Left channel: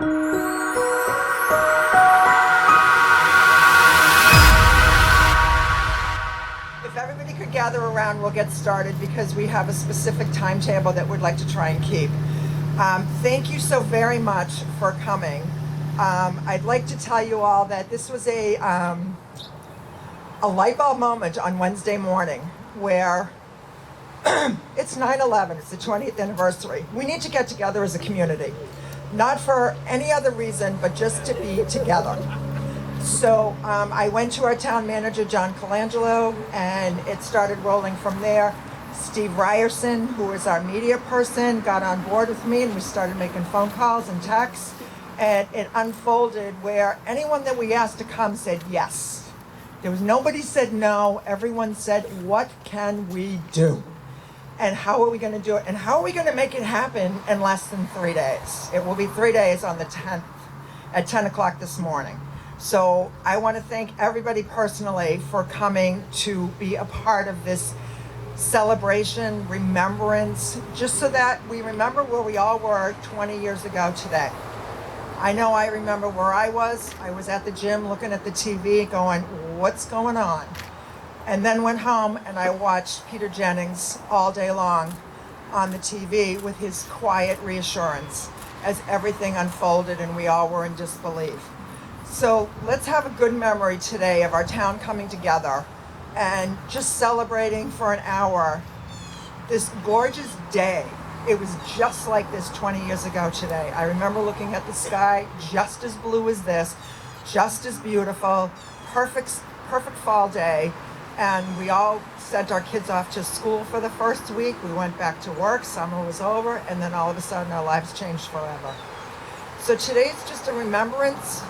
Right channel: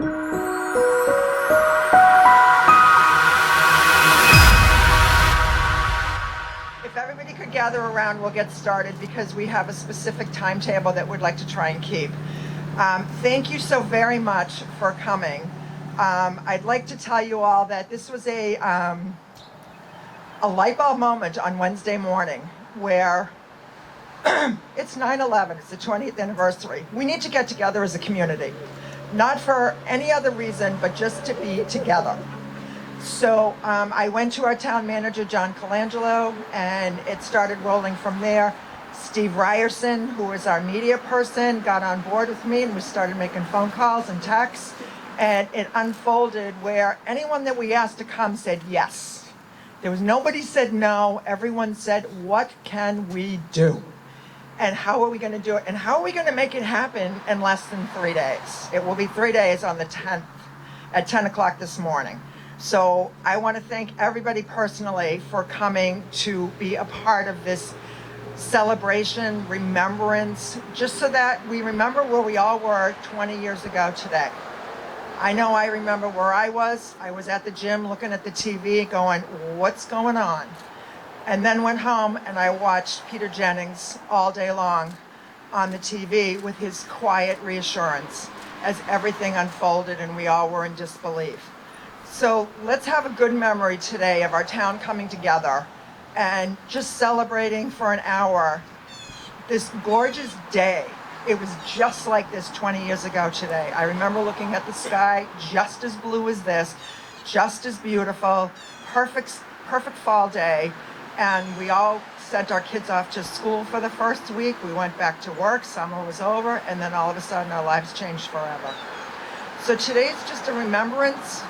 If everybody could gather around, we'll get started because we have a specific timetable that we'd like to try and keep. Thank you so very much for coming. I'd like to tell you all that this was a light bulb moment on Wednesday morning where it's 9/11, it's the 20th anniversary. We need to get together as a community, not for any other reason, but just to be together. So I went to our town manager, John Colangelo, and it started rolling from there. Steve Ryerson, who is our media person, got on board with me and we started making phone calls and texts. And it unfolded where anyone that we asked to come said yes. There was nobody said no. Everyone said, what can we do? And how are we going to do it? And how are we going to make it happen in less than 3 days? It will be 3 days on the 10th at 10 o'clock this morning. So I want to thank everybody personally for coming to be a part of this celebration, remembrance, just so that we remember where we all were 20 years ago today. I know I remember where I was. I was at the gym looking at the TV going, what's going on? And then went home and I watched Peter Jennings all day long on the TV with his quiet reassurance as everything unfolded and we all were in disbelief. So let's have a good memory today of our town coming together and just celebrating for an hour this gorgeous day. It was just like this 20 years ago today. I remember looking at the sky just as blue as this, just as beautiful, perfect fall day. And we all sent our kids off to school for the first week. We went back to work, summer was over, and then all of a sudden our lives changed forever. So today's just a remembrance,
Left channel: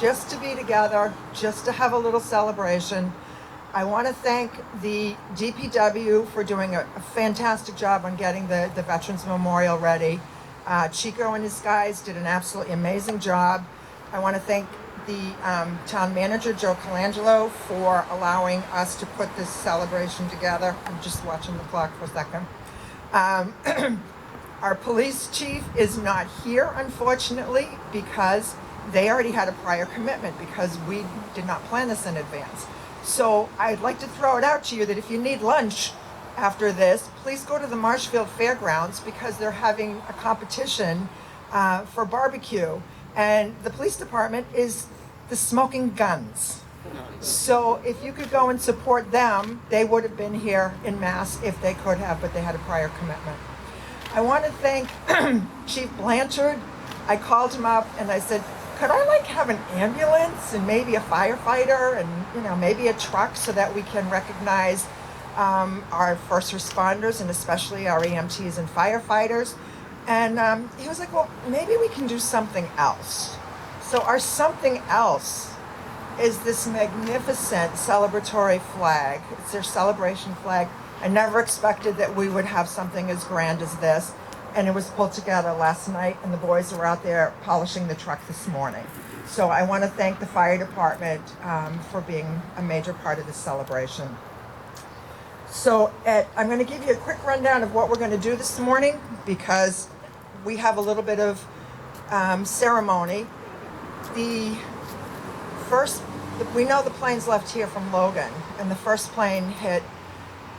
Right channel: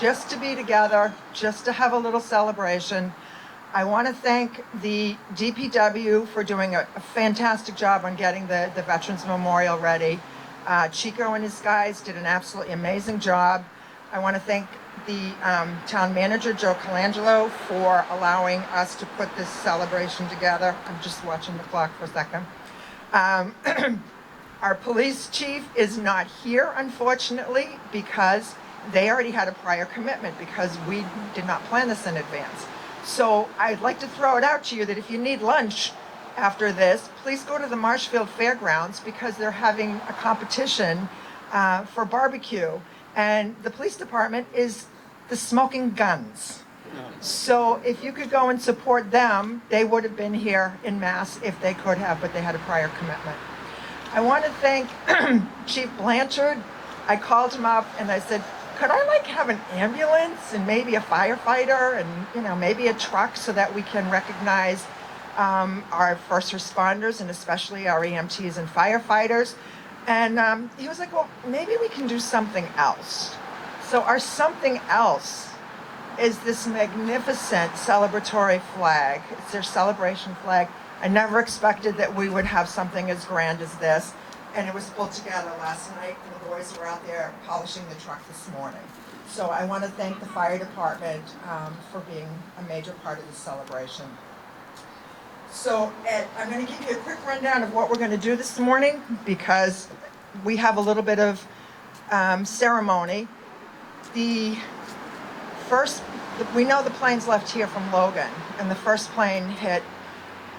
just to be together, just to have a little celebration. I want to thank the DPW for doing a fantastic job on getting the Veterans Memorial ready. Chico and his guys did an absolutely amazing job. I want to thank the town manager, Joe Colangelo, for allowing us to put this celebration together. I'm just watching the clock for a second. Our police chief is not here, unfortunately, because they already had a prior commitment because we did not plan this in advance. So I'd like to throw it out to you that if you need lunch after this, please go to the Marshfield Fairgrounds because they're having a competition for barbecue. And the police department is the Smoking Guns. So if you could go and support them, they would have been here in mass if they could have, but they had a prior commitment. I want to thank Chief Blanchard. I called him up and I said, could I have an ambulance and maybe a firefighter and maybe a truck so that we can recognize our first responders and especially our EMTs and firefighters. And he was like, well, maybe we can do something else. So our something else is this magnificent celebratory flag. It's their celebration flag. I never expected that we would have something as grand as this. And it was pulled together last night, and the boys were out there polishing the truck this morning. So I want to thank the fire department for being a major part of this celebration. So I'm going to give you a quick rundown of what we're going to do this morning because we have a little bit of ceremony. We know the planes left here from Logan, and the first plane hit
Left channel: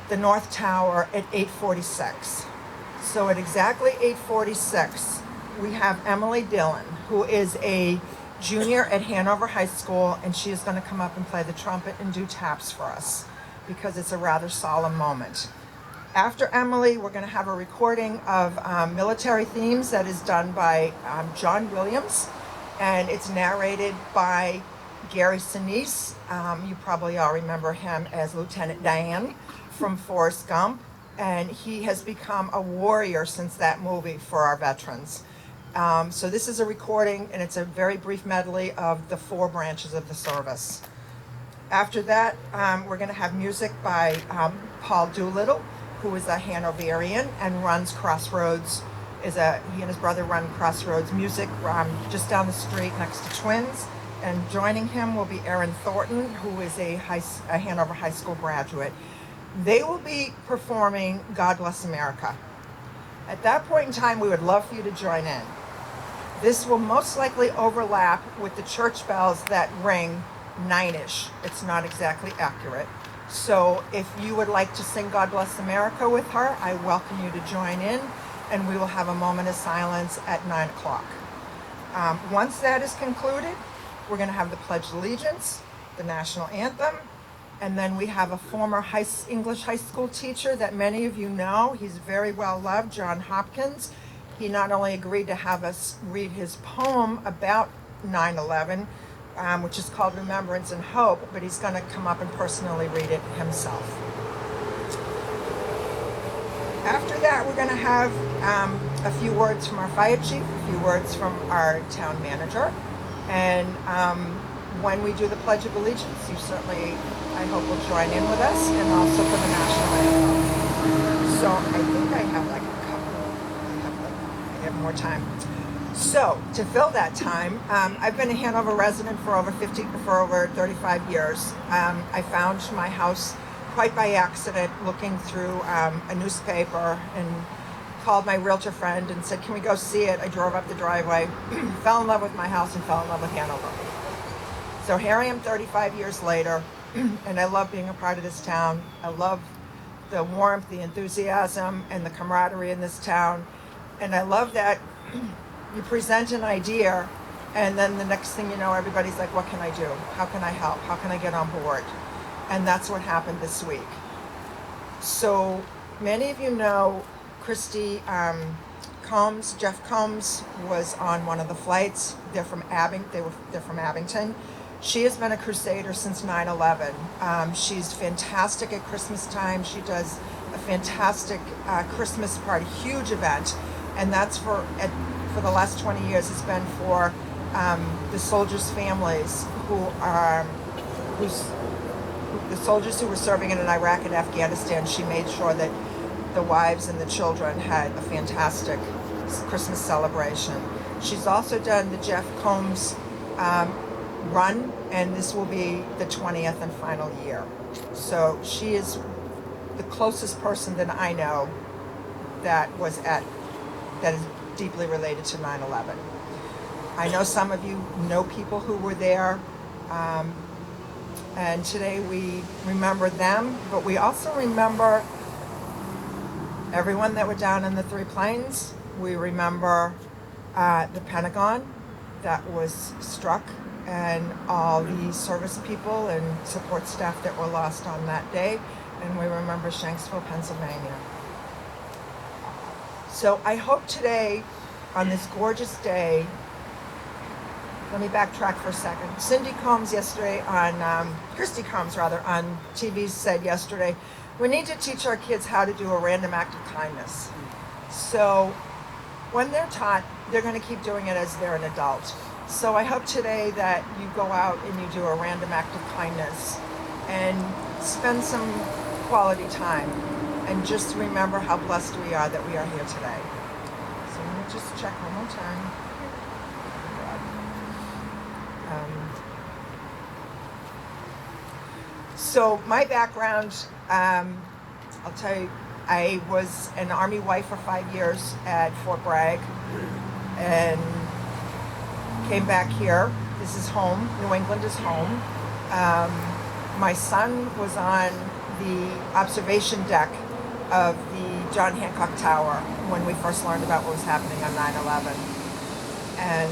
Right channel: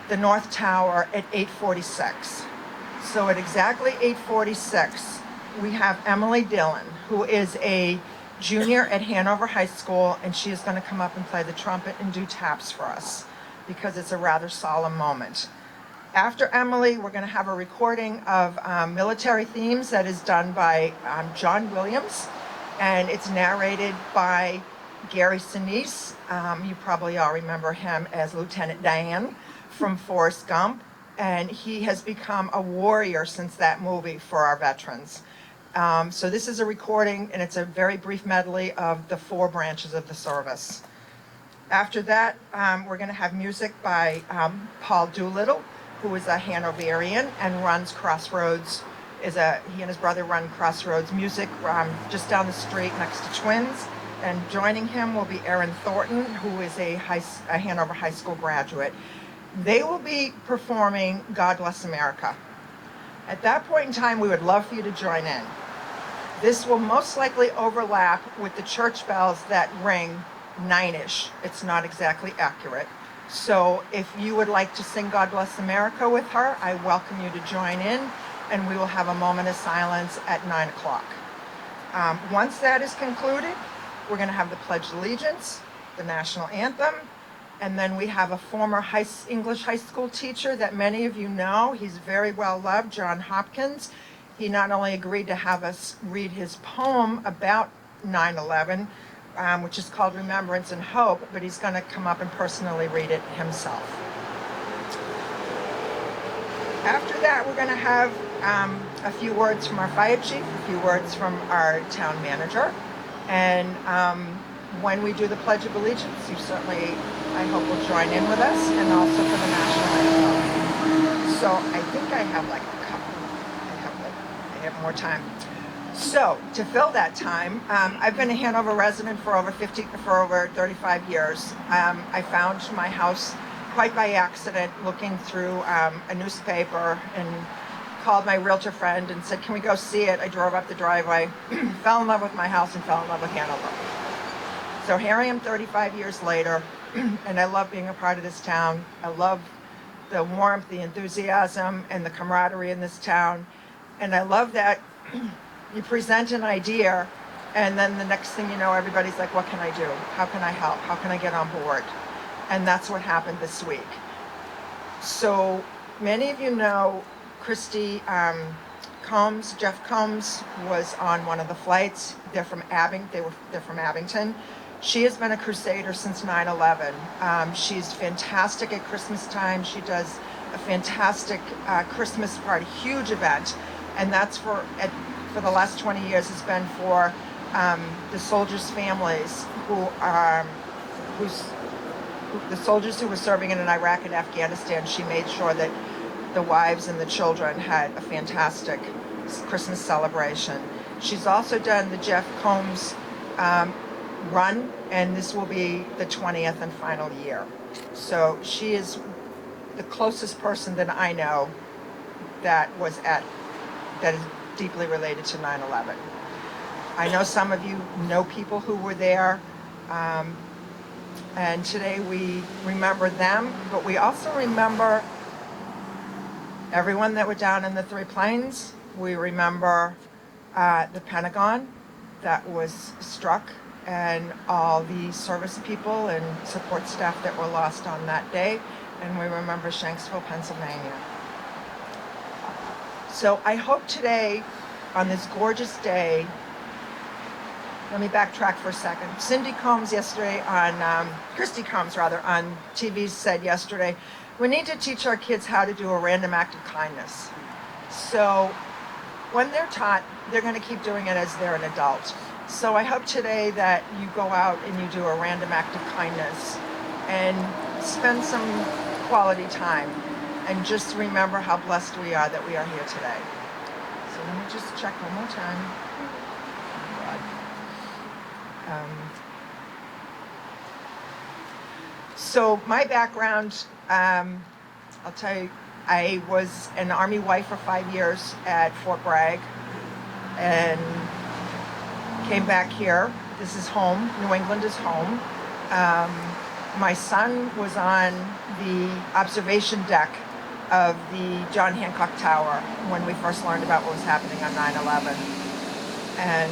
the North Tower at 8:46. So at exactly 8:46, we have Emily Dillon, who is a junior at Hanover High School, and she is going to come up and play the trumpet and do taps for us because it's a rather solemn moment. After Emily, we're going to have a recording of military themes that is done by John Williams, and it's narrated by Gary Sinise. You probably all remember him as Lieutenant Dan from Forrest Gump. And he has become a warrior since that movie for our veterans. So this is a recording, and it's a very brief medley of the 4 branches of the service. After that, we're going to have music by Paul Doolittle, who is a Hanoverian and runs Crossroads. He and his brother run Crossroads Music just down the street next to Twins. And joining him will be Aaron Thornton, who is a Hanover High School graduate. They will be performing God Bless America. At that point in time, we would love for you to join in. This will most likely overlap with the church bells that ring 9-ish. It's not exactly accurate. So if you would like to sing God Bless America with her, I welcome you to join in, and we will have a moment of silence at 9 o'clock. Once that is concluded, we're going to have the Pledge of Allegiance, the national anthem, and then we have a former English high school teacher that many of you know. He's very well loved, John Hopkins. He not only agreed to have us read his poem about 9/11, which is called Remembrance and Hope, but he's going to come up and personally read it himself. After that, we're going to have a few words from our fire chief, a few words from our town manager, and when we do the Pledge of Allegiance, you certainly, I hope, will join in with us, and also for the national anthem. So I think I have like a couple, I have more time. So to fill that time, I've been a Hanover resident for over 35 years. I found my house quite by accident, looking through a newspaper, and called my realtor friend and said, can we go see it? I drove up the driveway, fell in love with my house, and fell in love with Hanover. So here I am 35 years later, and I love being a part of this town. I love the warmth, the enthusiasm, and the camaraderie in this town. And I love that you present an idea, and then the next thing you know, everybody's like, what can I do? How can I help? How can I get on board? And that's what happened this week. So many of you know Christy Jeff Combs was on one of the flights. They're from Abington. She has been a crusader since 9/11. She's fantastic at Christmas time. She does a fantastic Christmas party, huge event, and that's for the last 20 years. It's been for the soldiers' families the soldiers who were serving in Iraq and Afghanistan. She made sure that the wives and the children had a fantastic Christmas celebration. She's also done the Jeff Combs run, and this will be the 20th and final year. So she is the closest person that I know that is deeply related to 9/11. I know some of you know people who were there, and today we remember them, but we also remember everyone that were down in the three planes. We remember the Pentagon that was struck, and all the service people and support staff that were lost on that day, and we remember Shanksville, Pennsylvania. So I hope today, on this gorgeous day, let me backtrack for a second. Christy Combs on TV said yesterday, we need to teach our kids how to do a random act of kindness. So when they're taught, they're going to keep doing it as they're an adult. So I hope today that you go out and you do a random act of kindness and spend some quality time, and just remember how blessed we are that we are here today. So let me just check one more time. So my background, I'll tell you, I was an Army wife for 5 years at Fort Bragg, and came back here. This is home. New England is home. My son was on the observation deck of the John Hancock Tower when we first learned about what was happening on 9/11. And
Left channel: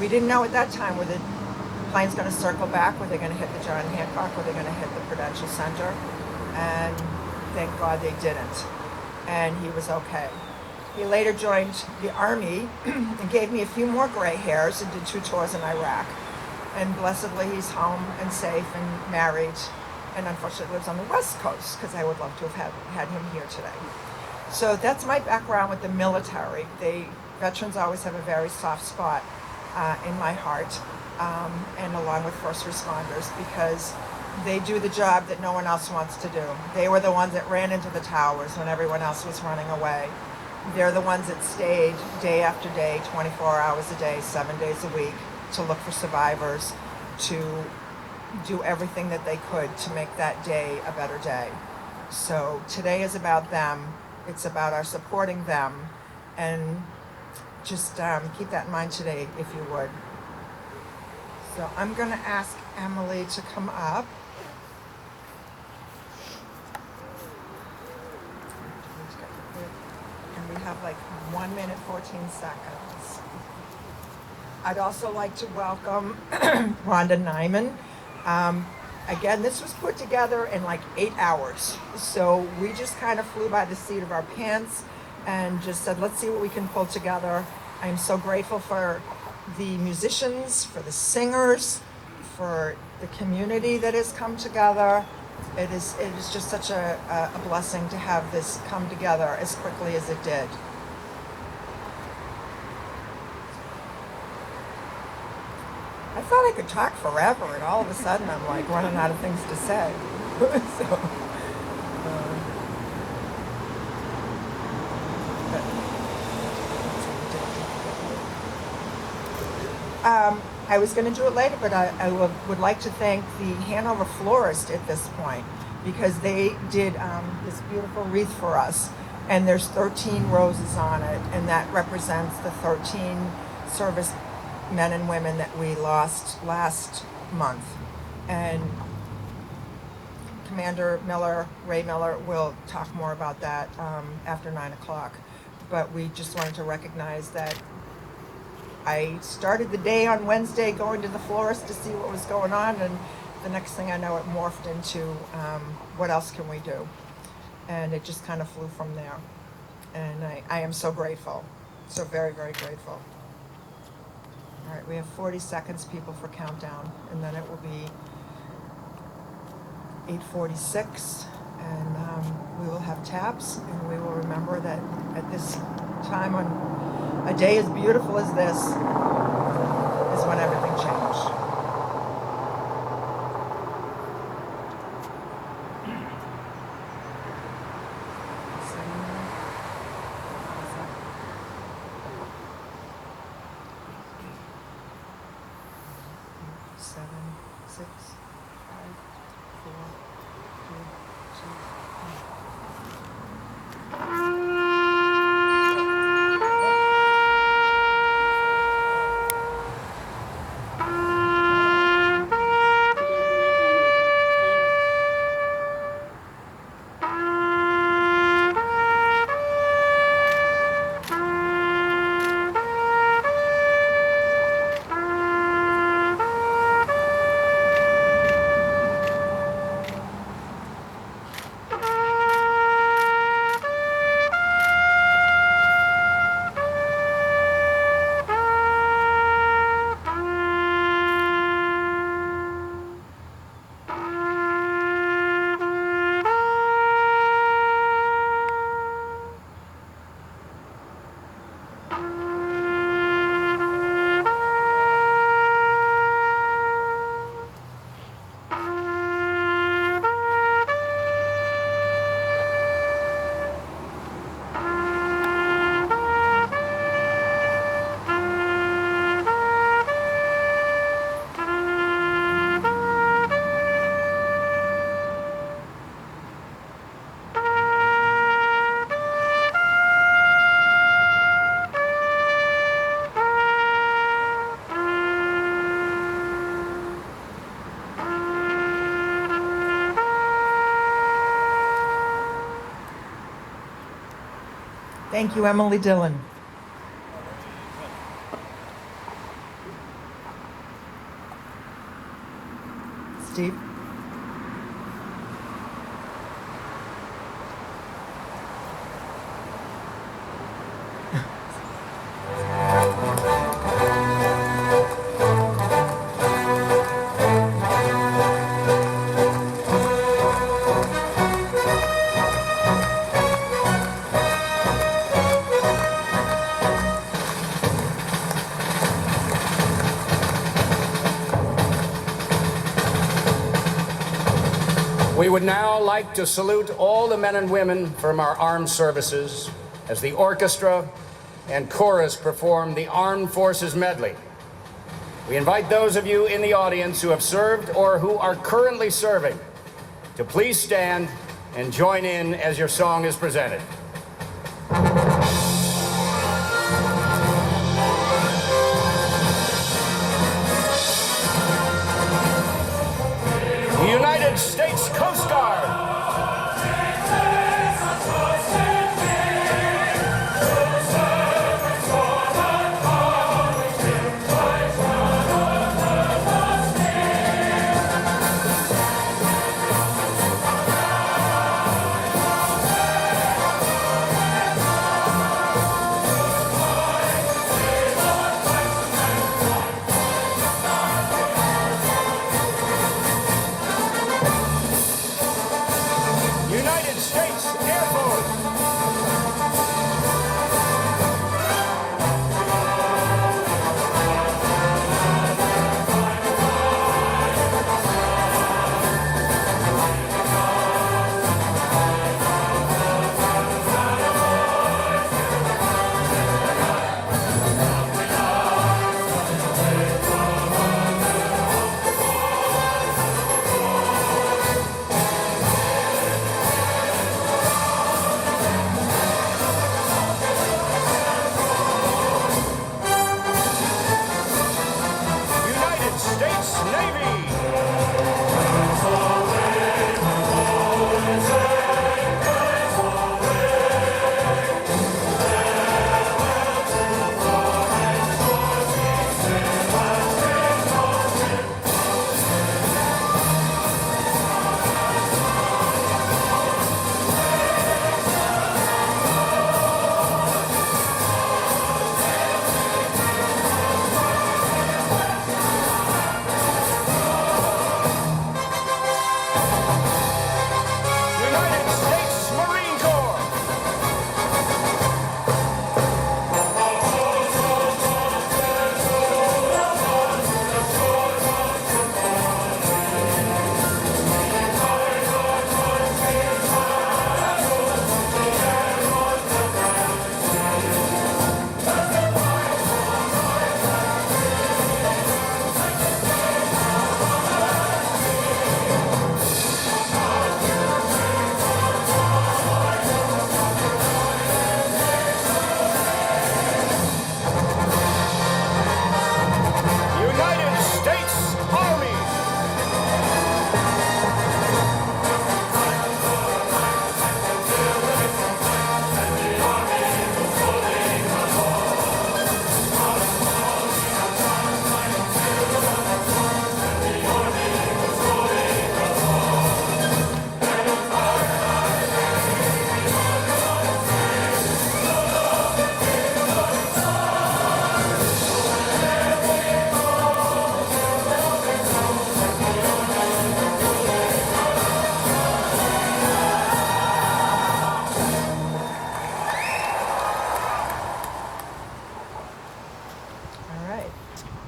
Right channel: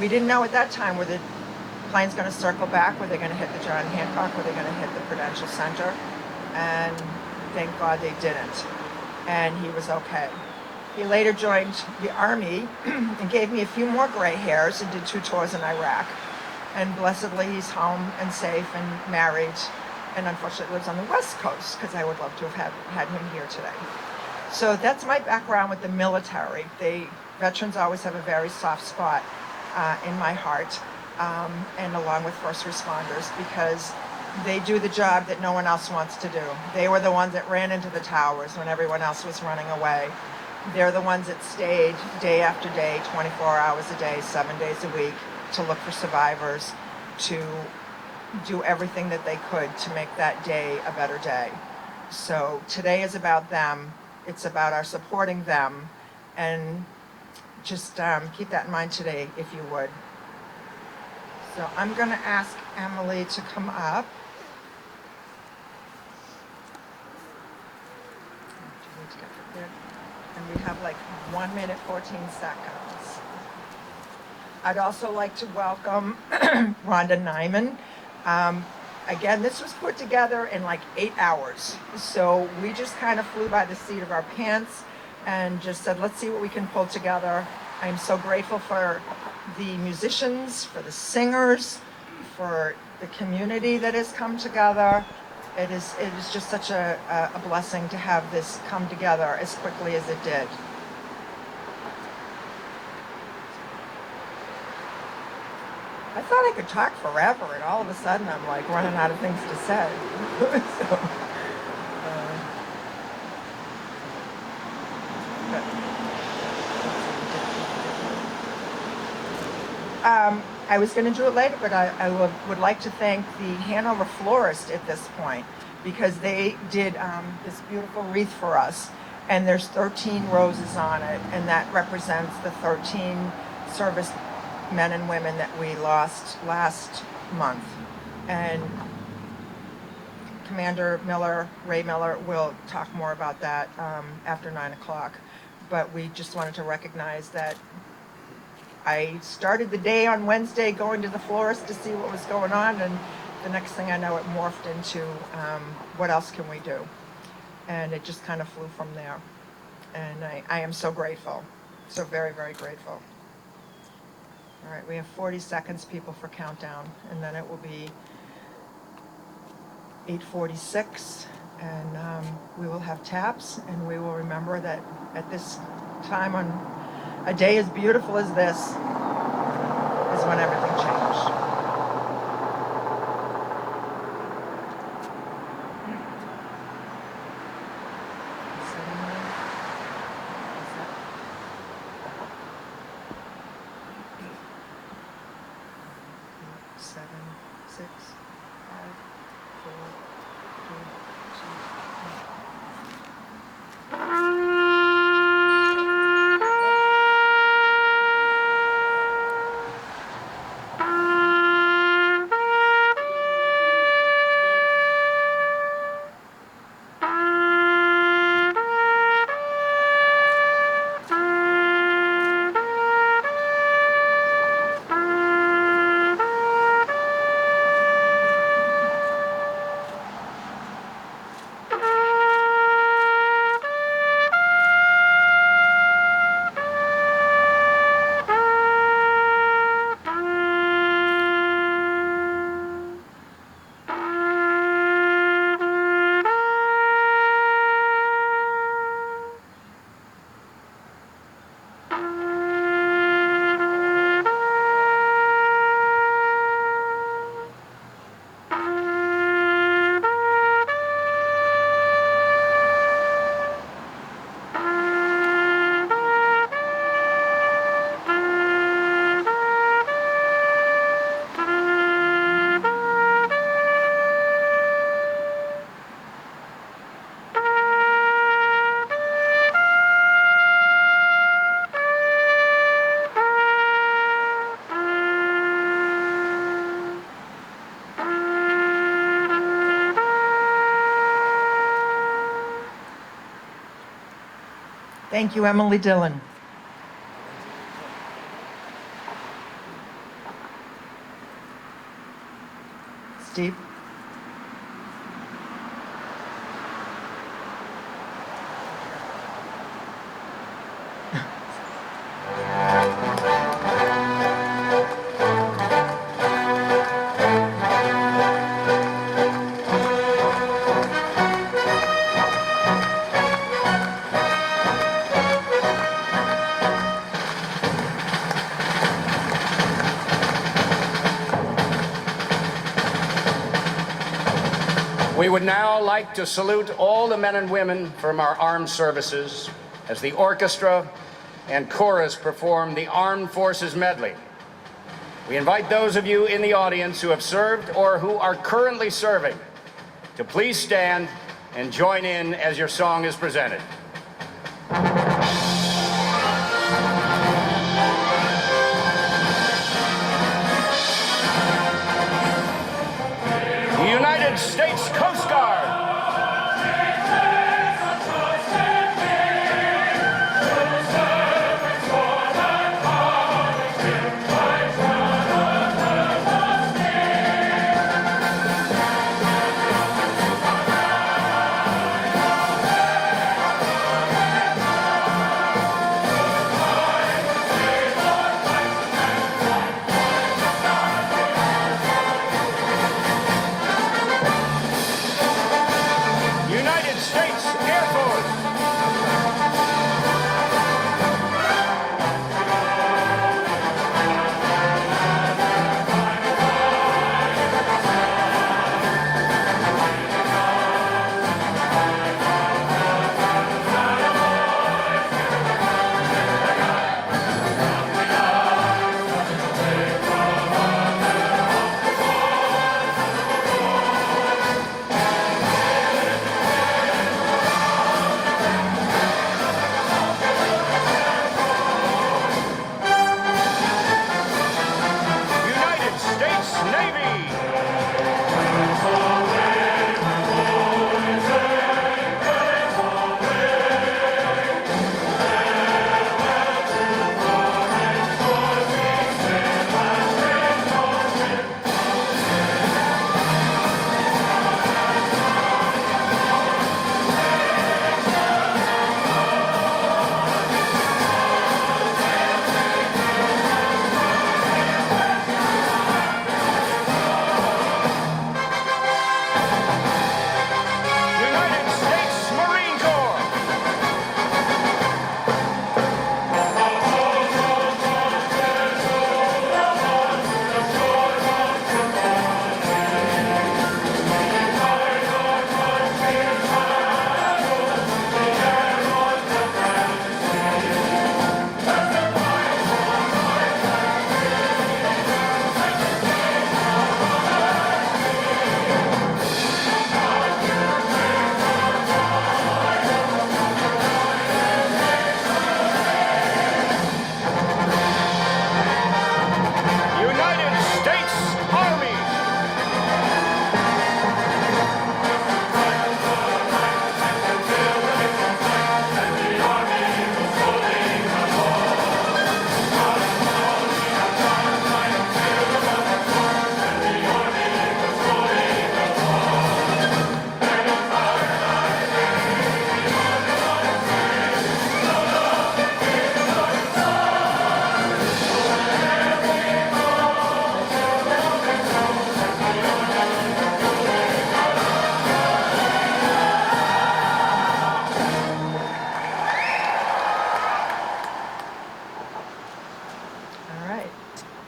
we didn't know at that time whether the plane's going to circle back, were they going to hit the John Hancock, were they going to hit the Prudential Center. And thank God they didn't. And he was okay. He later joined the Army and gave me a few more gray hairs and did 2 tours in Iraq. And blessedly, he's home and safe and married, and unfortunately lives on the West Coast, because I would love to have had him here today. So that's my background with the military. Veterans always have a very soft spot in my heart, and along with first responders, because they do the job that no one else wants to do. They were the ones that ran into the towers when everyone else was running away. They're the ones that stayed day after day, 24 hours a day, 7 days a week, to look for survivors, to do everything that they could to make that day a better day. So today is about them. It's about our supporting them and just keep that in mind today, if you would. So I'm going to ask Emily to come up. And we have like 1 minute, 14 seconds. I'd also like to welcome Rhonda Nyman. Again, this was put together in like 8 hours. So we just kind of flew by the seat of our pants and just said, let's see what we can pull together. I'm so grateful for the musicians, for the singers, for the community that has come together. It is just such a blessing to have this come together as quickly as it did. I thought I could talk forever, and all of a sudden I'm like running out of things to say. So, I was going to do it later, but I would like to thank the Hanover florist at this point, because they did this beautiful wreath for us, and there's 13 roses on it, and that represents the 13 service men and women that we lost last month. And Commander Miller, Ray Miller, will talk more about that after 9 o'clock. But we just wanted to recognize that I started the day on Wednesday going to the florist to see what was going on, and the next thing I know, it morphed into what else can we do? And it just kind of flew from there. And I am so grateful, so very, very grateful. All right, we have 40 seconds, people, for countdown, and then it will be 8:46, and we will have taps, and we will remember that at this time on a day as beautiful as this is when everything changed. Thank you, Emily Dillon. Steve? We would now like to salute all the men and women from our armed services as the orchestra and chorus perform the Armed Forces Medley. We invite those of you in the audience who have served or who are currently serving to please stand and join in as your song is presented.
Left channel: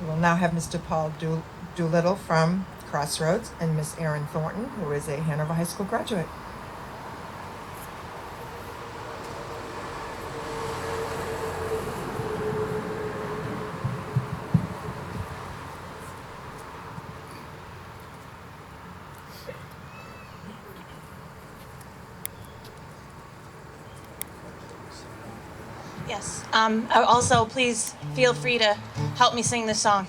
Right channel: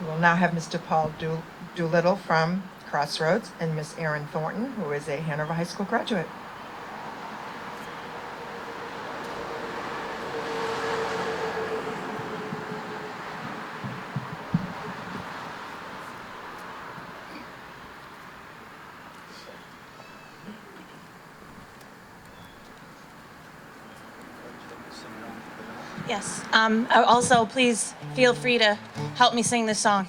We will now have Mr. Paul Doolittle from Crossroads and Miss Erin Thornton, who is a Hanover High School graduate. Yes. Also, please feel free to help me sing this song.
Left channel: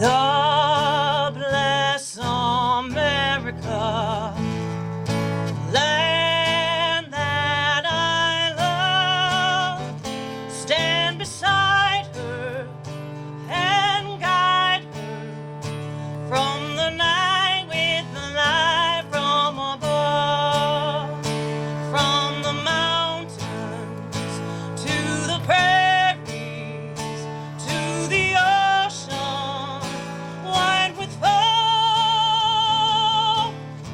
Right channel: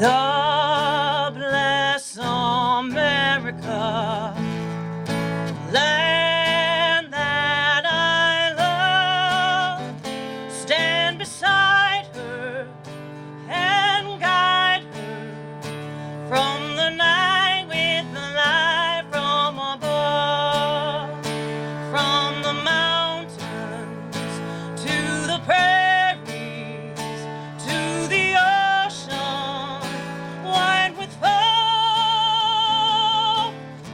God bless America, land that I love. Stand beside her and guide her from the night with the light from above, from the mountains to the prairies to the ocean wide with foam.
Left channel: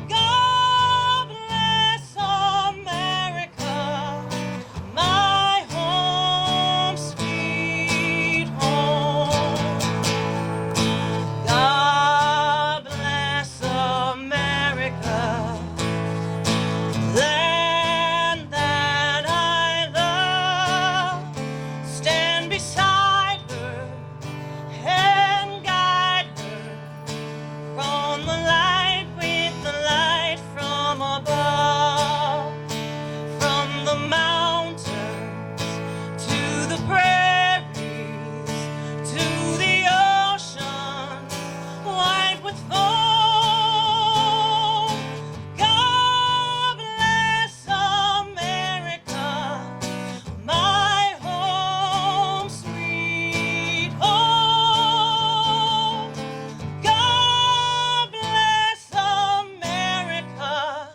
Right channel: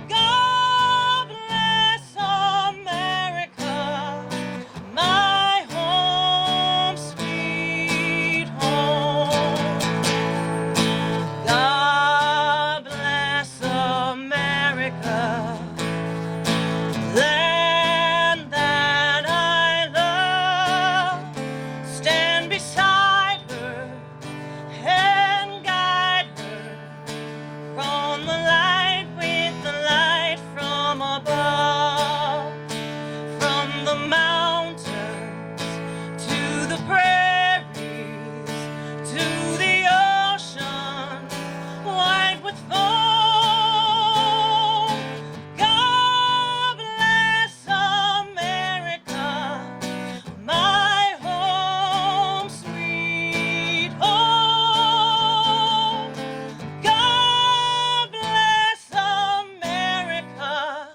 God bless America, my home, sweet home. God bless America, land that I love. Stand beside her and guide her from the light with the light from above, from the mountains to the prairies to the ocean wide with foam. God bless America, my home, sweet home. God bless America,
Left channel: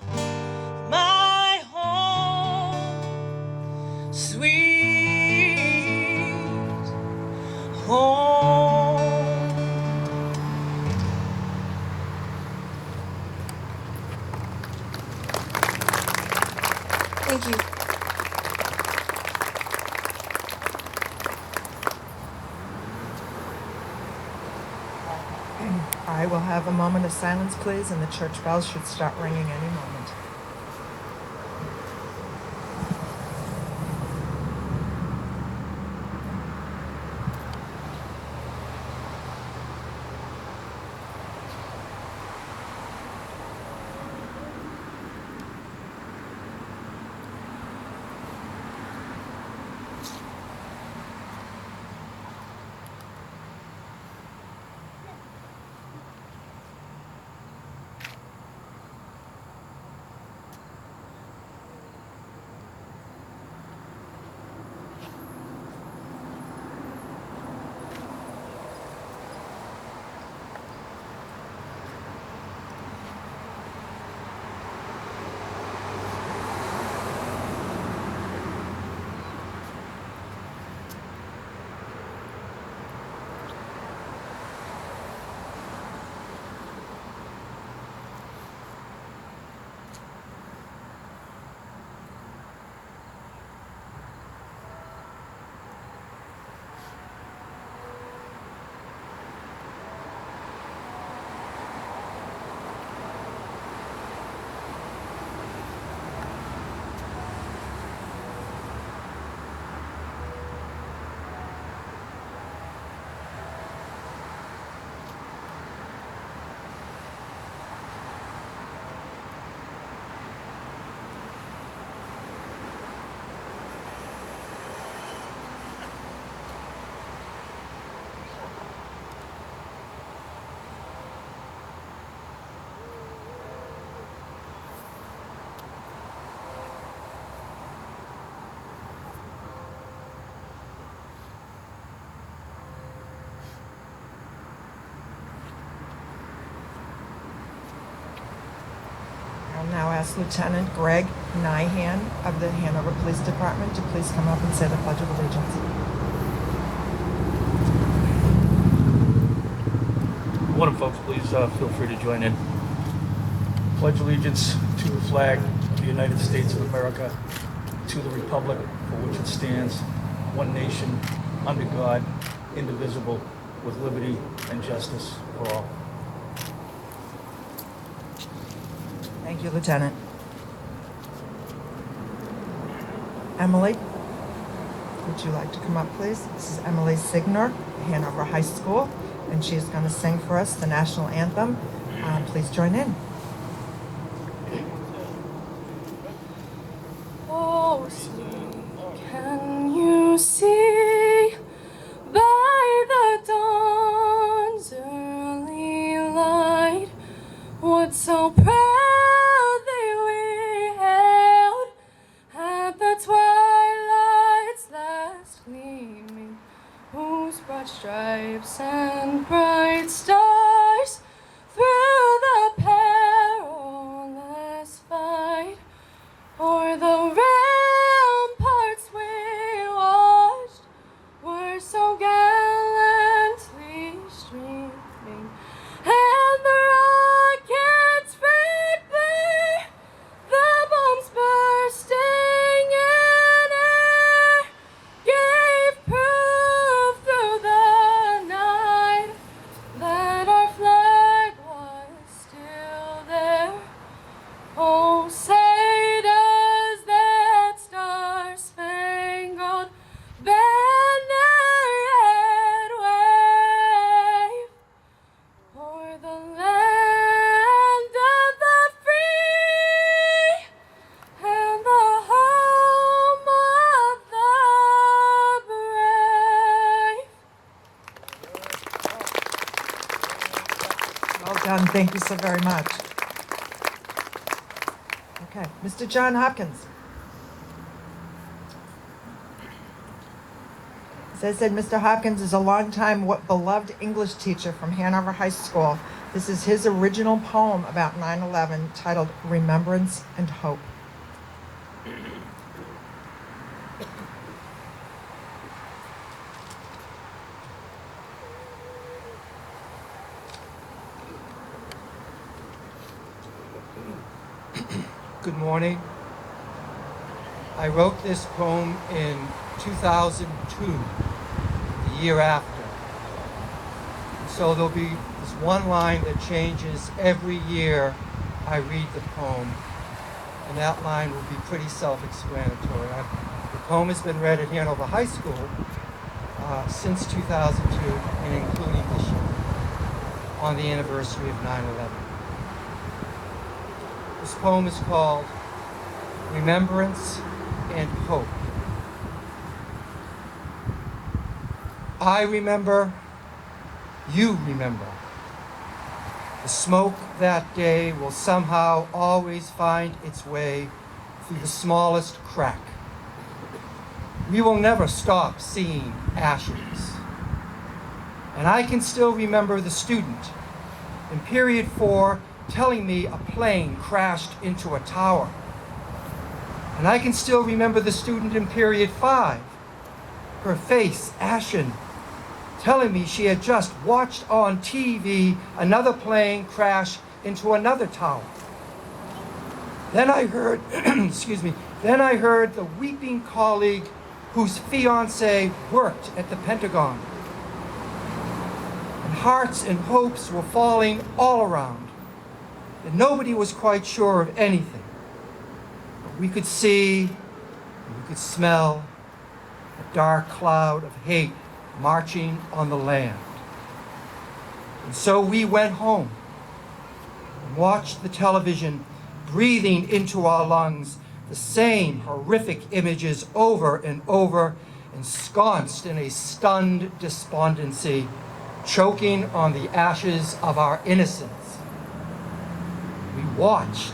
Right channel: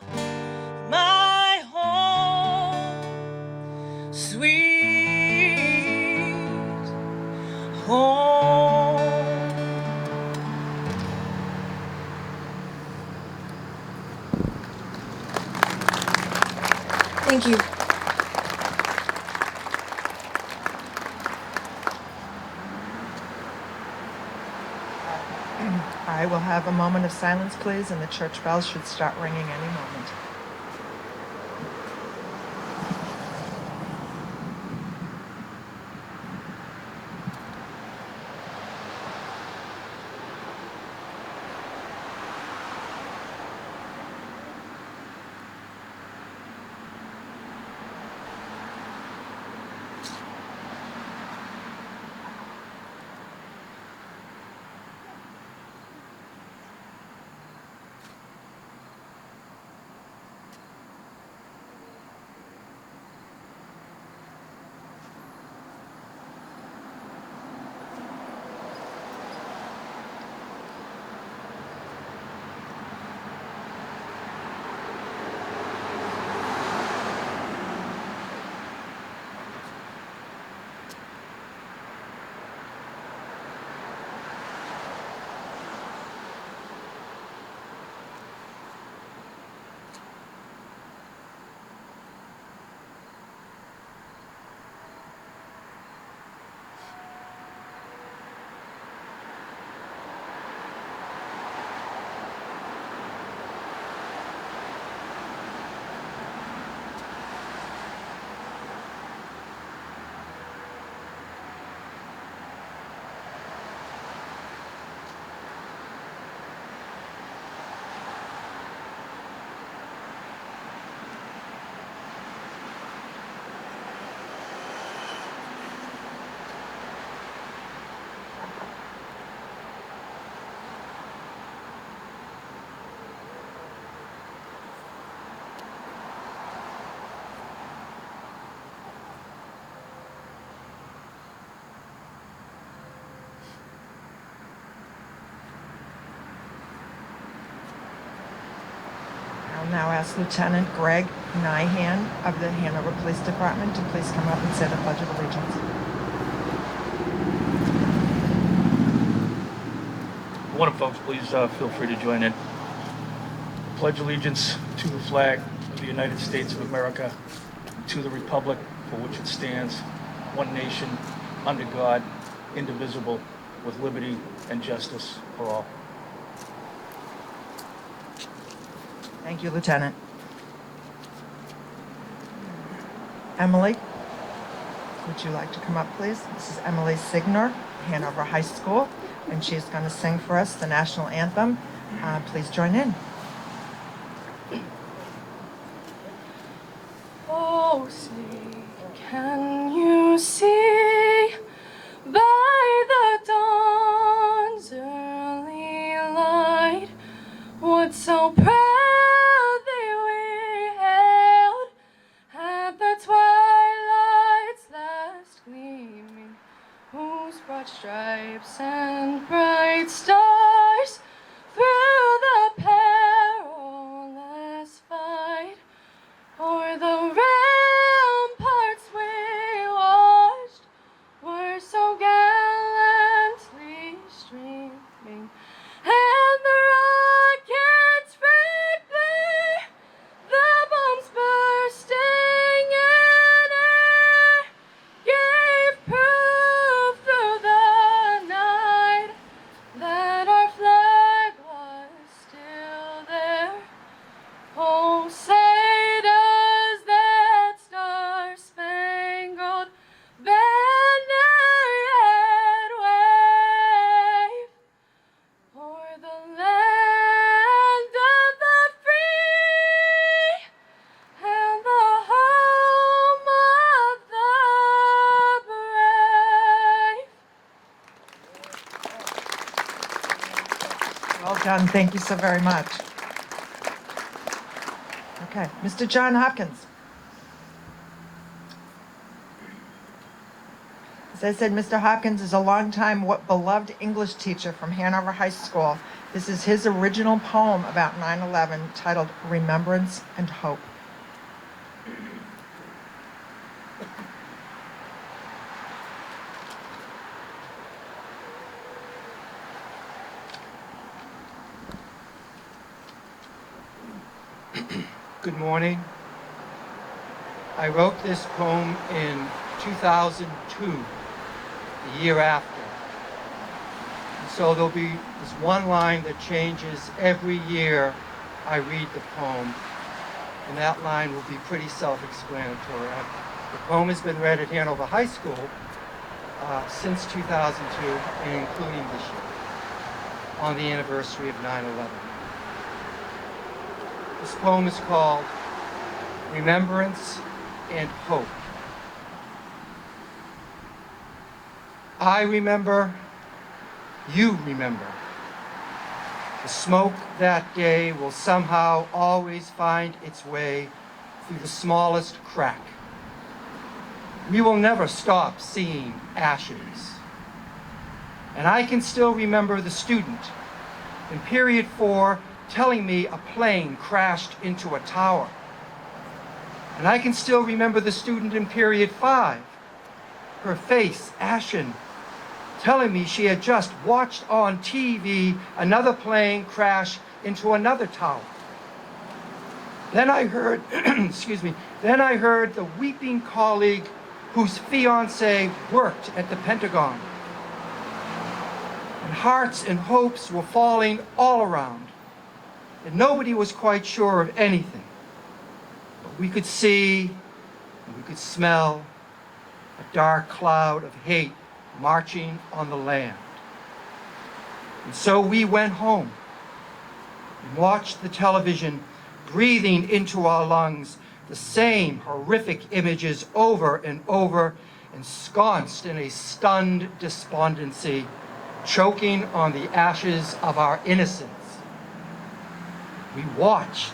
my home, sweet home. Thank you. I will have a moment of silence, please, and the church bells should start ringing any moment. I'll now ask Lieutenant Greg Nyhan of the Hanover Police Department to please come up and say the Pledge of Allegiance. One folks, please feel free to join in. Pledge allegiance to the flag of the United States of America, to the republic for which it stands, one nation, under God, indivisible, with liberty and justice for all. Thank you, Lieutenant. Emily, would you like to come up, please? This is Emily Signor, Hanover High School, and she's going to sing for us the national anthem. Please join in. Oh, see, can you see by the dawn's early light what so proudly we hailed at the twilight's last gleaming, whose broad stripes and bright stars through the perilous fight o'er the ramparts we watched were so gallantly streaming, and the rockets red glare, the bombs bursting in air, gave proof through the night that our flag was still there. Oh, say does that star-spangled banner yet wave o'er the land of the free and the home of the brave? Well done. Thank you so very much. Okay, Mr. John Hopkins. As I said, Mr. Hopkins is a longtime beloved English teacher from Hanover High School. This is his original poem about 9/11 titled Remembrance and Hope. Good morning. I wrote this poem in 2002, the year after. And so there'll be this one line that changes every year I read the poem, and that line will be pretty self-explanatory. The poem has been read at Hanover High School since 2002, and including this year, on the anniversary of 9/11. This poem is called Remembrance and Hope. I remember, you remember. The smoke that day will somehow always find its way through the smallest crack. We will never stop seeing ashes. And I can still remember the student in period 4 telling me a plane crashed into a tower. And I can still remember the student in period 5, her face ashen, telling me she had just watched on TV another plane crash into another tower. Then I heard, then I heard the weeping colleague whose fiancé worked at the Pentagon. And hearts and hopes were falling all around. And nobody was quite sure of anything. But we could see, and we could smell a dark cloud of hate marching on the land. And so we went home and watched the television, breathing into our lungs the same horrific images over and over, ensconced in a stunned despondency, choking on the ashes of our innocence. We watched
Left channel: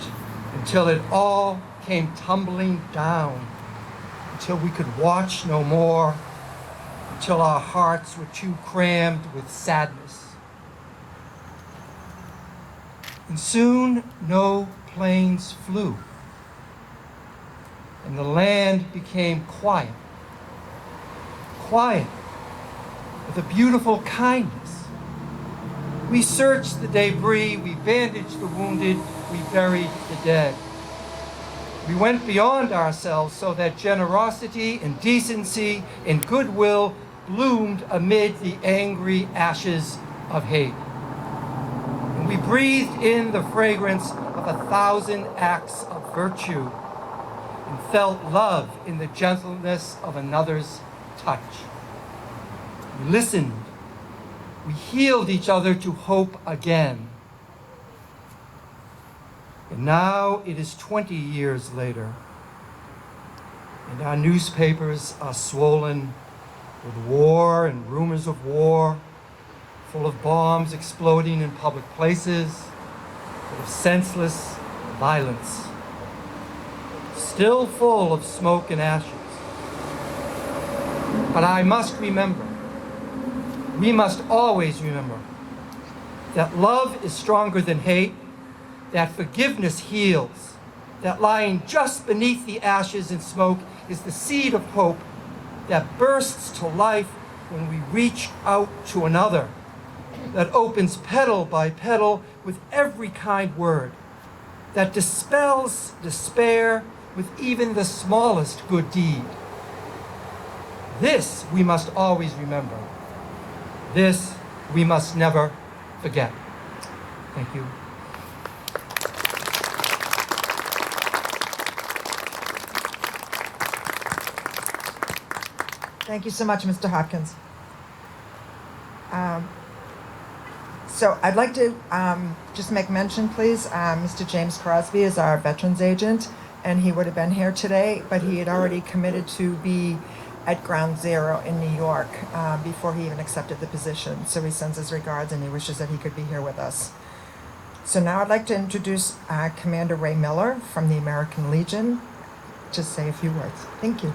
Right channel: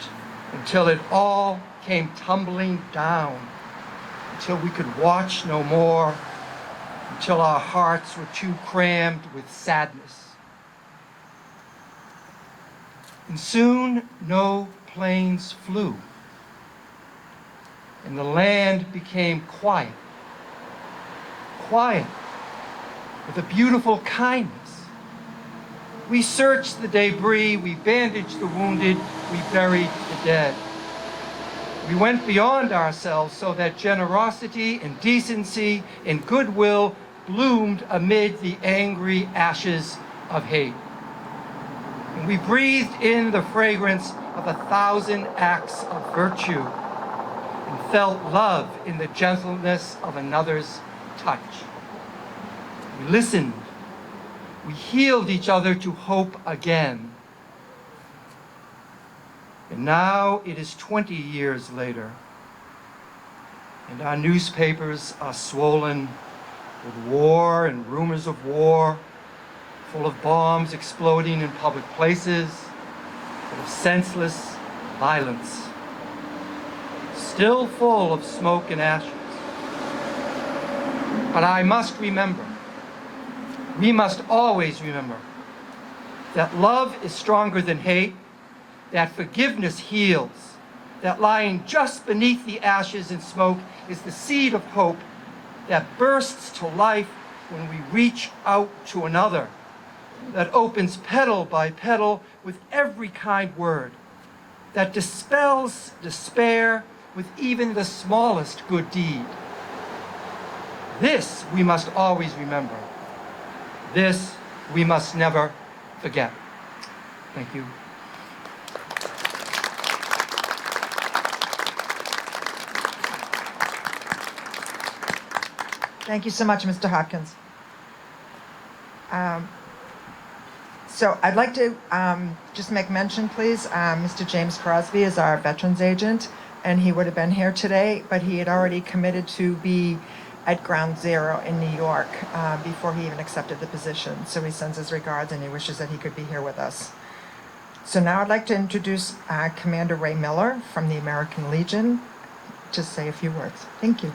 until it all came tumbling down, until we could watch no more, until our hearts were too crammed with sadness. And soon no planes flew, and the land became quiet, quiet with a beautiful kindness. We searched the debris, we bandaged the wounded, we buried the dead. We went beyond ourselves so that generosity and decency and goodwill bloomed amid the angry ashes of hate. And we breathed in the fragrance of 1,000 acts of virtue and felt love in the gentleness of another's touch. We listened. We healed each other to hope again. And now it is 20 years later, and our newspapers are swollen with war and rumors of war, full of bombs exploding in public places, full of senseless violence, still full of smoke and ashes. But I must remember, we must always remember, that love is stronger than hate, that forgiveness heals, that lying just beneath the ashes and smoke is the seed of hope that bursts to life when we reach out to another, that opens petal by petal with every kind word, that dispels despair with even the smallest good deed. This we must always remember. This we must never forget. Thank you. Thank you so much, Mr. Hopkins. So I'd like to just make mention, please, Mr. James Crosby is our veterans agent, and he would have been here today, but he had already committed to be at Ground Zero in New York before he even accepted the position. So he sends his regards and he wishes that he could be here with us. So now I'd like to introduce Commander Ray Miller from the American Legion to say a few words. Thank you.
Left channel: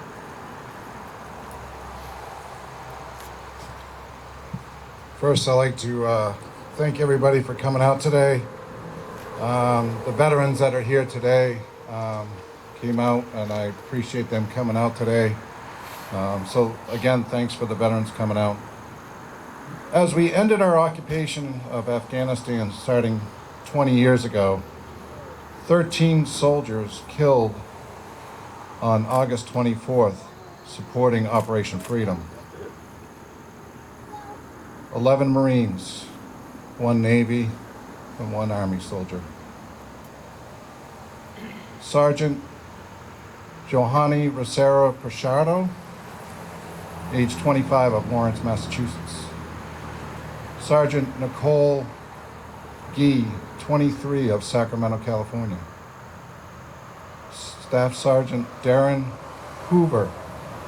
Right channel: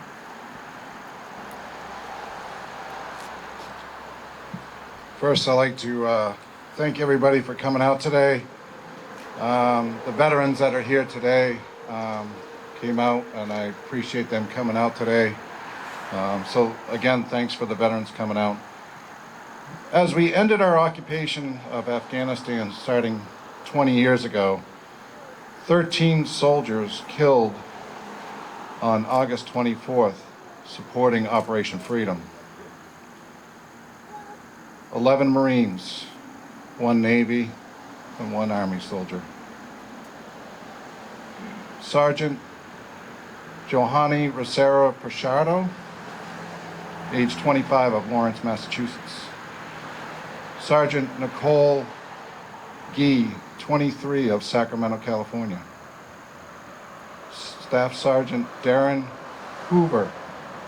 First, I'd like to thank everybody for coming out today. The veterans that are here today came out, and I appreciate them coming out today. So again, thanks for the veterans coming out. As we ended our occupation of Afghanistan starting 20 years ago, 13 soldiers killed on August 24th supporting Operation Freedom. 11 Marines, 1 Navy, and 1 Army soldier. Sergeant Johanny Rosero Pichardo, age 25, of Lawrence, Massachusetts. Sergeant Nicole Gee, 23, of Sacramento, California. Staff Sergeant Darren Hoover,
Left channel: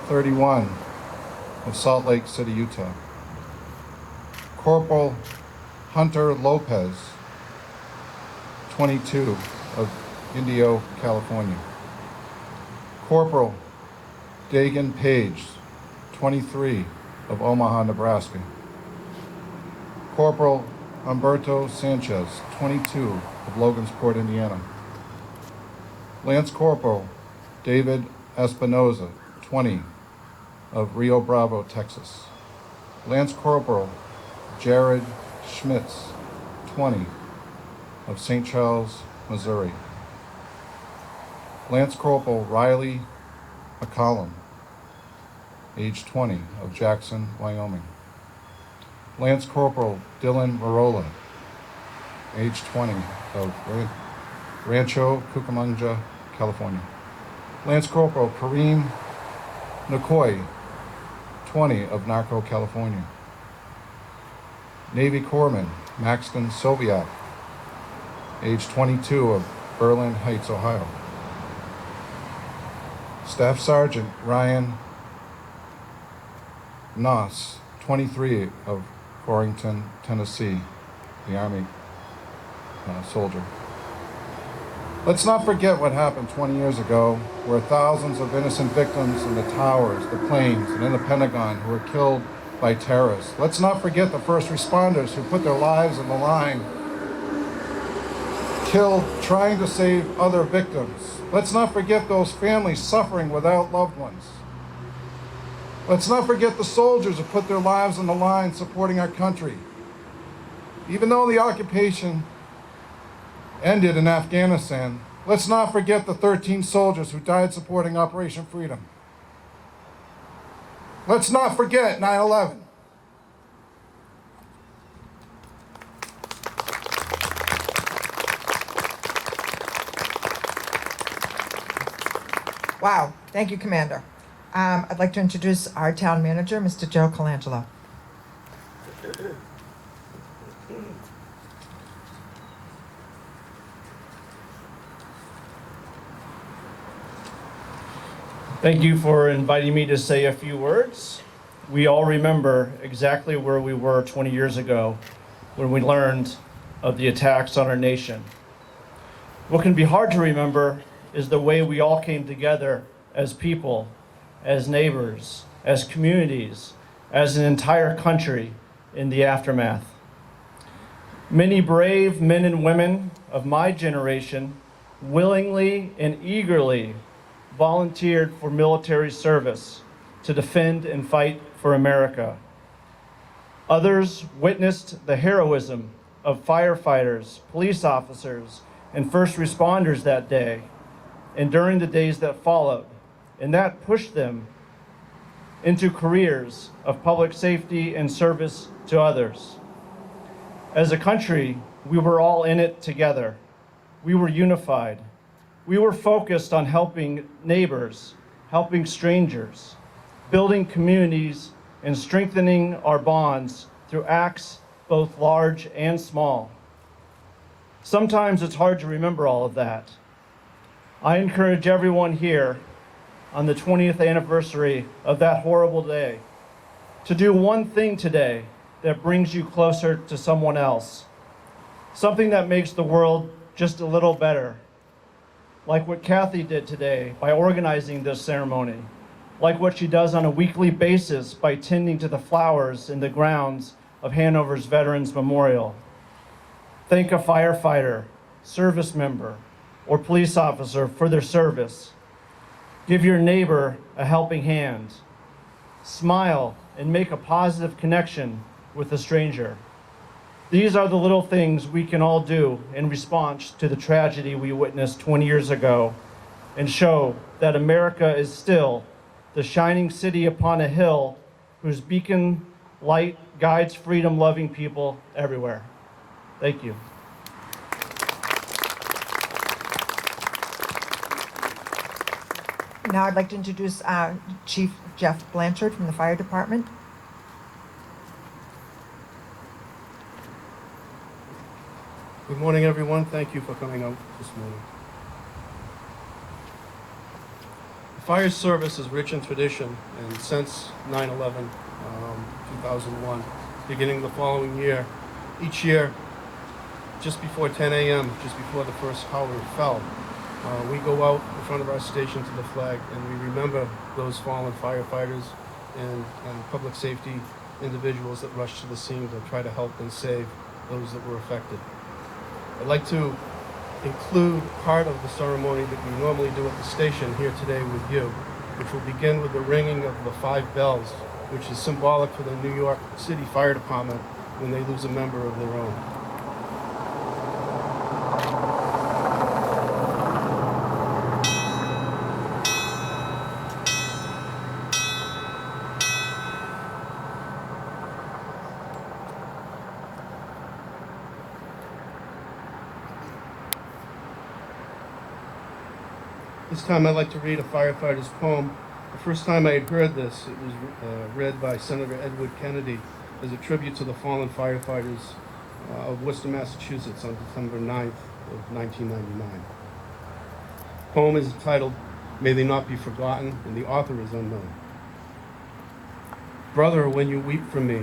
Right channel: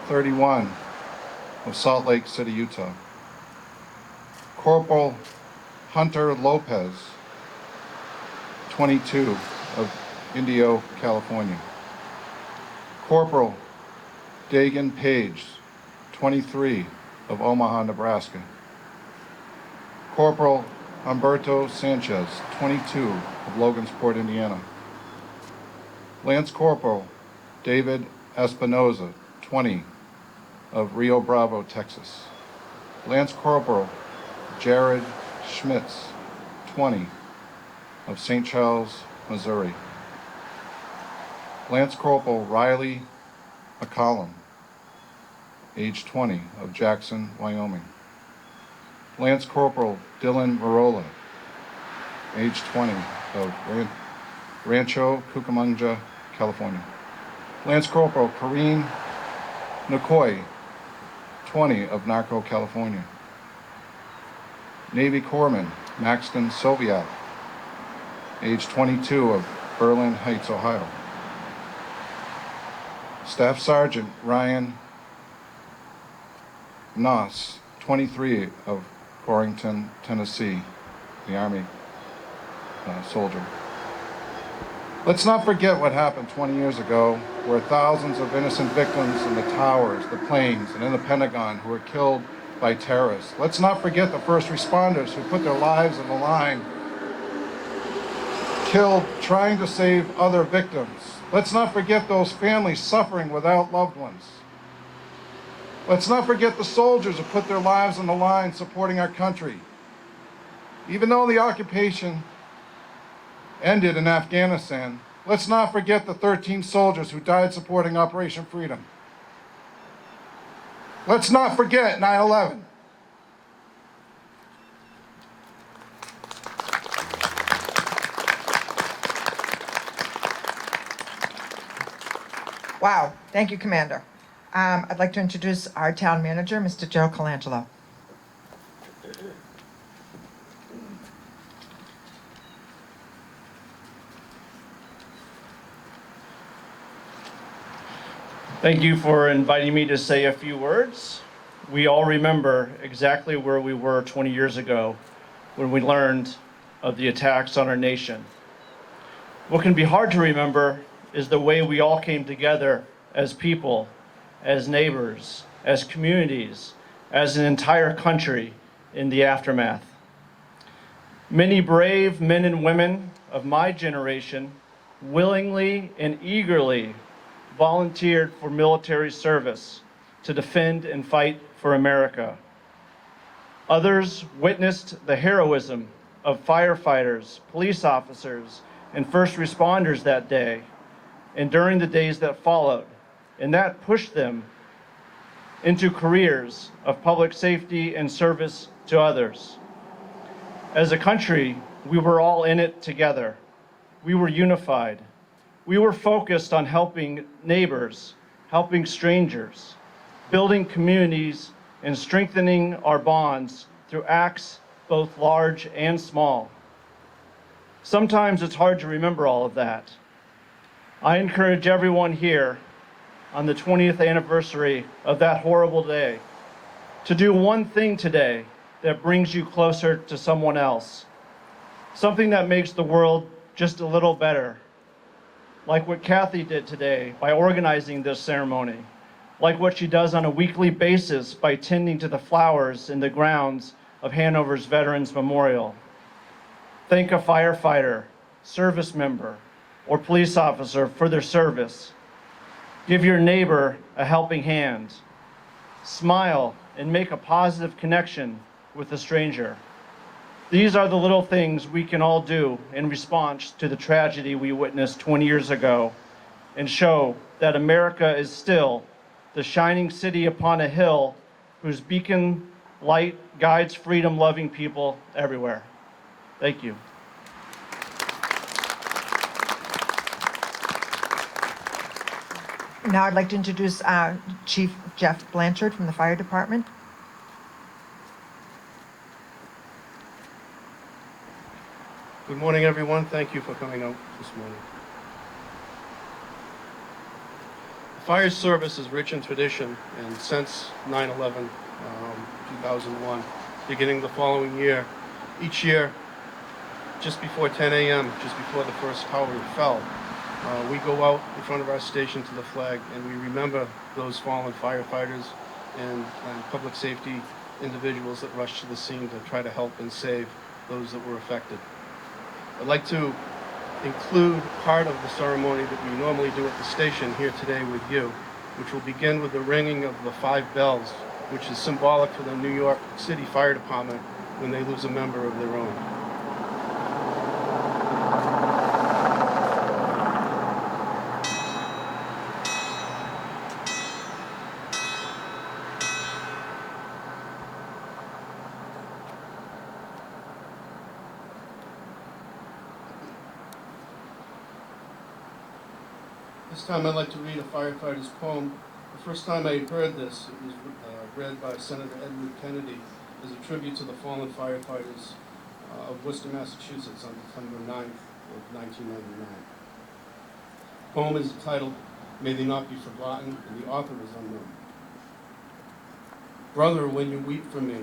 31, of Salt Lake City, Utah. Corporal Hunter Lopez, 22, of Indio, California. Corporal Dagan Page, 23, of Omaha, Nebraska. Corporal Humberto Sanchez, 22, of Logansport, Indiana. Lance Corporal David Espinoza, 20, of Rio Bravo, Texas. Lance Corporal Jared Schmitz, 20, of St. Charles, Missouri. Lance Corporal Riley McCollum, age 20, of Jackson, Wyoming. Lance Corporal Dylan Marola, age 20, of Rancho Cucamonga, California. Lance Corporal Kareen Nicoy, 20, of Narco, California. Navy Corpsman Maxton Soviak, age 22, of Berlin Heights, Ohio. Staff Sergeant Ryan Noss, 23, of Warrington, Tennessee, the Army soldier. Let's not forget what happened 20 years ago, where thousands of innocent victims in the towers, the planes, and in the Pentagon who were killed by terrorists. Let's not forget the first responders who put their lives on the line, killed trying to save other victims. Let's not forget those families suffering without loved ones. Let's not forget the soldiers who put their lives on the line supporting our country. Even though the occupation ended in Afghanistan, Let's not forget the 13 soldiers who died supporting Operation Freedom. Let's not forget 9/11. Wow, thank you, Commander. I'd like to introduce our town manager, Mr. Joe Colangelo. Thank you for inviting me to say a few words. We all remember exactly where we were 20 years ago when we learned of the attacks on our nation. What can be hard to remember is the way we all came together as people, as neighbors, as communities, as an entire country in the aftermath. Many brave men and women of my generation willingly and eagerly volunteered for military service to defend and fight for America. Others witnessed the heroism of firefighters, police officers, and first responders that day and during the days that followed, and that pushed them into careers of public safety and service to others. As a country, we were all in it together. We were unified. We were focused on helping neighbors, helping strangers, building communities, and strengthening our bonds through acts both large and small. Sometimes it's hard to remember all of that. I encourage everyone here on the 20th anniversary of that horrible day to do one thing today that brings you closer to someone else, something that makes the world just a little better. Like what Kathy did today by organizing this ceremony, like what she does on a weekly basis by tending to the flowers in the grounds of Hanover's Veterans Memorial. Thank a firefighter, service member, or police officer for their service. Give your neighbor a helping hand. Smile and make a positive connection with a stranger. These are the little things we can all do in response to the tragedy we witnessed 20 years ago and show that America is still the shining city upon a hill whose beacon light guides freedom-loving people everywhere. Thank you. Now I'd like to introduce Chief Jeff Blanchard from the Fire Department. Good morning, everyone. Thank you for coming out this morning. The fire service is rich in tradition, and since 9/11, 2001, beginning the following year, each year, just before 10 a.m., just before the first tower fell, we go out in front of our station to the flag, and we remember those fallen firefighters and public safety individuals that rushed to the scene to try to help and save those that were affected. I'd like to include part of the ceremony that we normally do at the station here today with you, which will begin with the ringing of the 5 bells, which is symbolic for the New York City Fire Department when they lose a member of their own. This time I'd like to read a firefighter's poem. The first time I had heard this, it was read by Senator Edward Kennedy as a tribute to the fallen firefighters of Worcester, Massachusetts on December 9th of 1999. The poem is entitled, May They Not Be Forgotten, and the author is unknown. Brother, when you weep for me,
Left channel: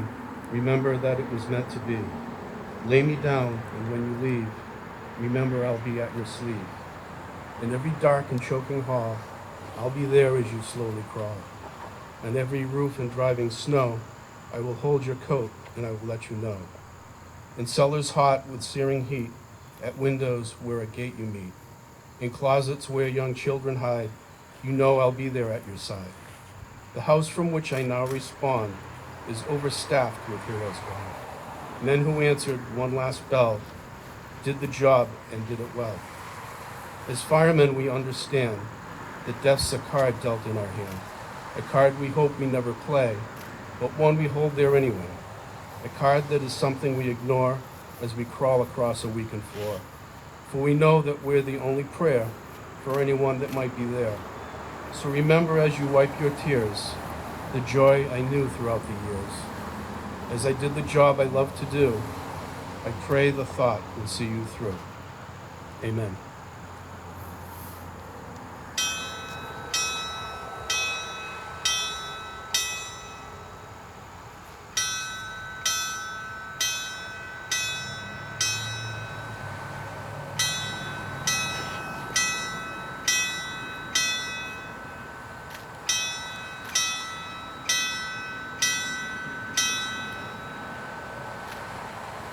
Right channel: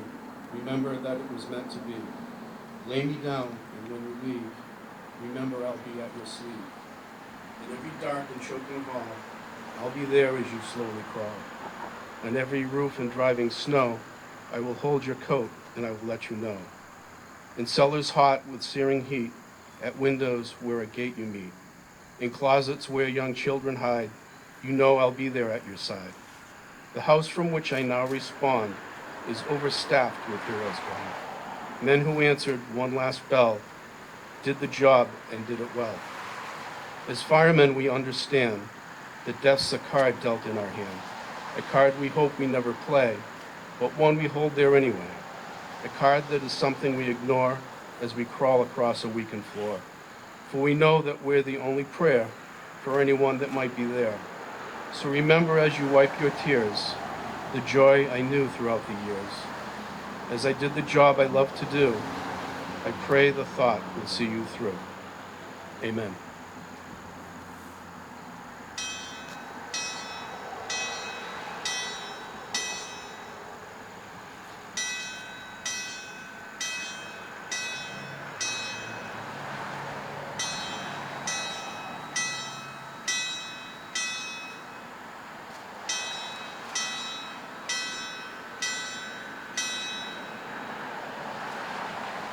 remember that it was meant to be. Lay me down, and when you leave, remember I'll be at your sleeve. In every dark and choking hall, I'll be there as you slowly crawl. On every roof and driving snow, I will hold your coat and I will let you know. In cellars hot with searing heat, at windows where a gate you meet, in closets where young children hide, you know I'll be there at your side. The house from which I now respond is overstaffed with heroes gone. Men who answered one last bell, did the job and did it well. As firemen, we understand that death's a card dealt in our hand, a card we hope we never play, but one we hold there anyway, a card that is something we ignore as we crawl across a weakened floor. For we know that we're the only prayer for anyone that might be there. So remember as you wipe your tears, the joy I knew throughout the years. As I did the job I love to do, I pray the thought will see you through. Amen.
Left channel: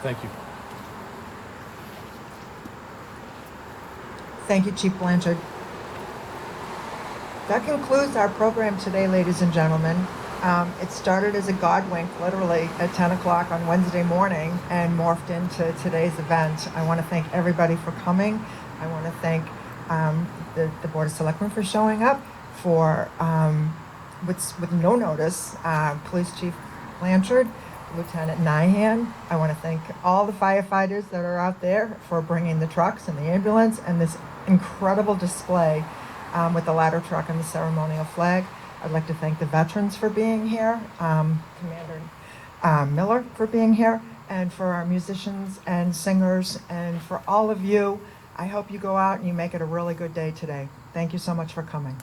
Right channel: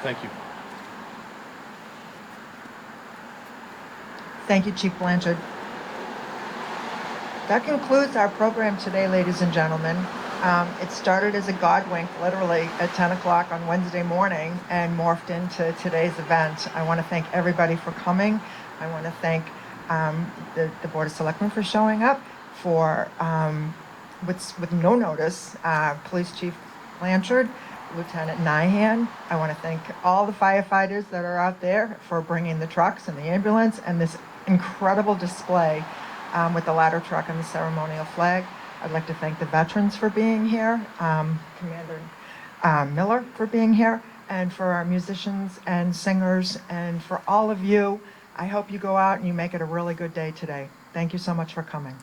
Thank you. Thank you, Chief Blanchard. That concludes our program today, ladies and gentlemen. It started as a God wink, literally, at 10 o'clock on Wednesday morning and morphed into today's event. I want to thank everybody for coming. I want to thank the Board of Selectmen for showing up, for, with no notice, Police Chief Blanchard, Lieutenant Nyhan. I want to thank all the firefighters that are out there for bringing the trucks and the ambulance and this incredible display with the ladder truck and the ceremonial flag. I'd like to thank the veterans for being here, Commander Miller for being here, and for our musicians and singers, and for all of you. I hope you go out and you make it a really good day today. Thank you so much for coming.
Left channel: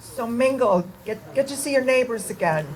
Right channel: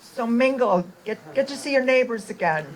So mingle, get to see your neighbors again.